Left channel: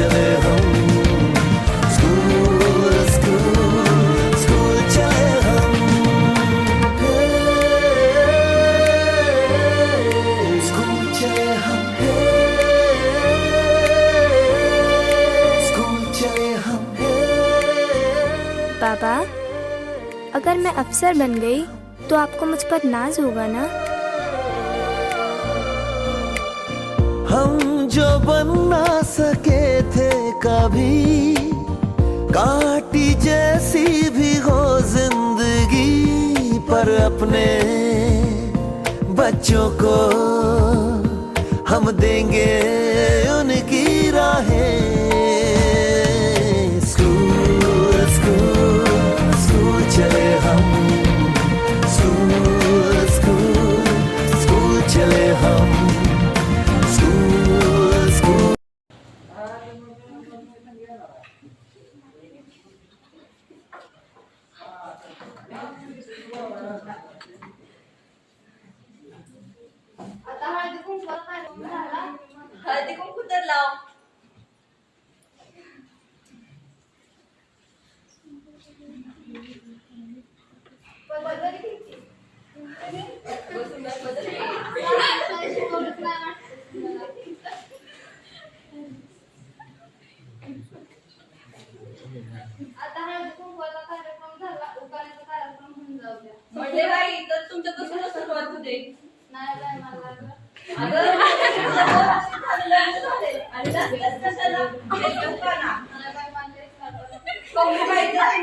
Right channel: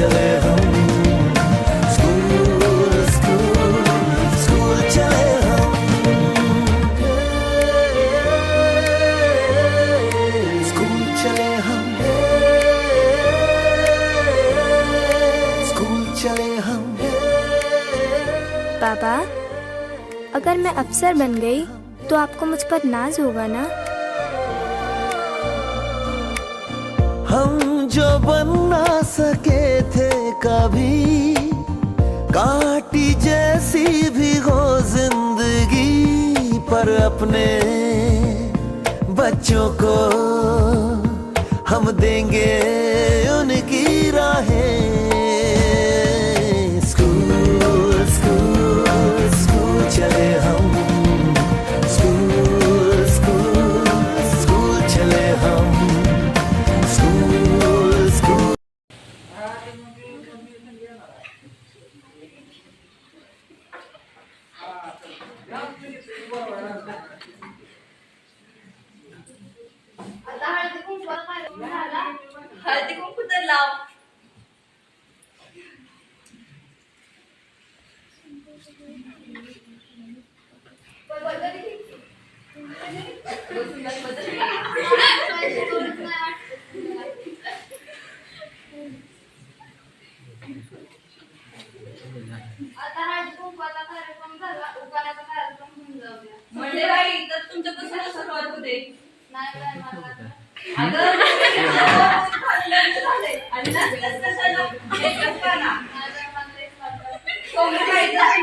चले हम। School school school चले हम। स्कूल चले हम स्कूल चले हम पापा अगर मैं अफसर बन गई तो आपको मुझ पर नाज होगा ना? हम जो बन ना सके थे कभी, काटी जैसी भी हो ज़िंदगी पर अपने बच्चों को हम देंगे उनकी राहें। स्कूल स्कूल स्कूल चले हम At hardi kong bakal. Hardi kong kudalaw. म्हणजे बाई तर तुमच्यापासूनच सुरुवात होते नाही अगं झाले करा. कोंबडी खायचं आहे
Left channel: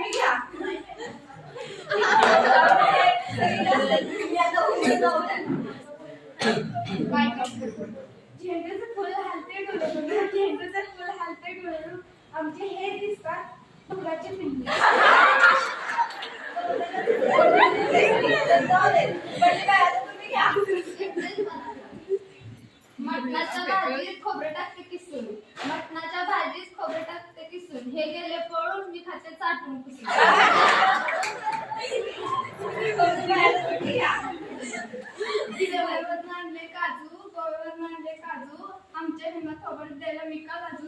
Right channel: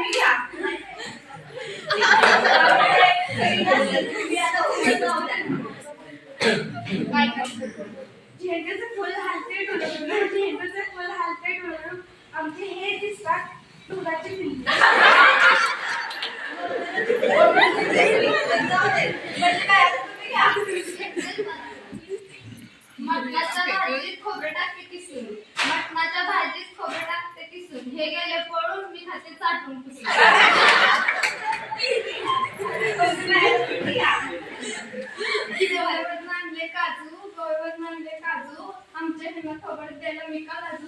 तुम्ही आता उभे जाऊ द्या. झेंडूचं फुल हालते डोळ्यातून झेंडूचं फुल हालते डोळ्यातून आमचे हे दिसतात फुलाचे हे गेले पळून मी खाते चाटून पुसून कोंबडी बाई, काजू गोव्यावरून मांडले काजू. आमच्या हेमा खबर द्यायला मी का लाजू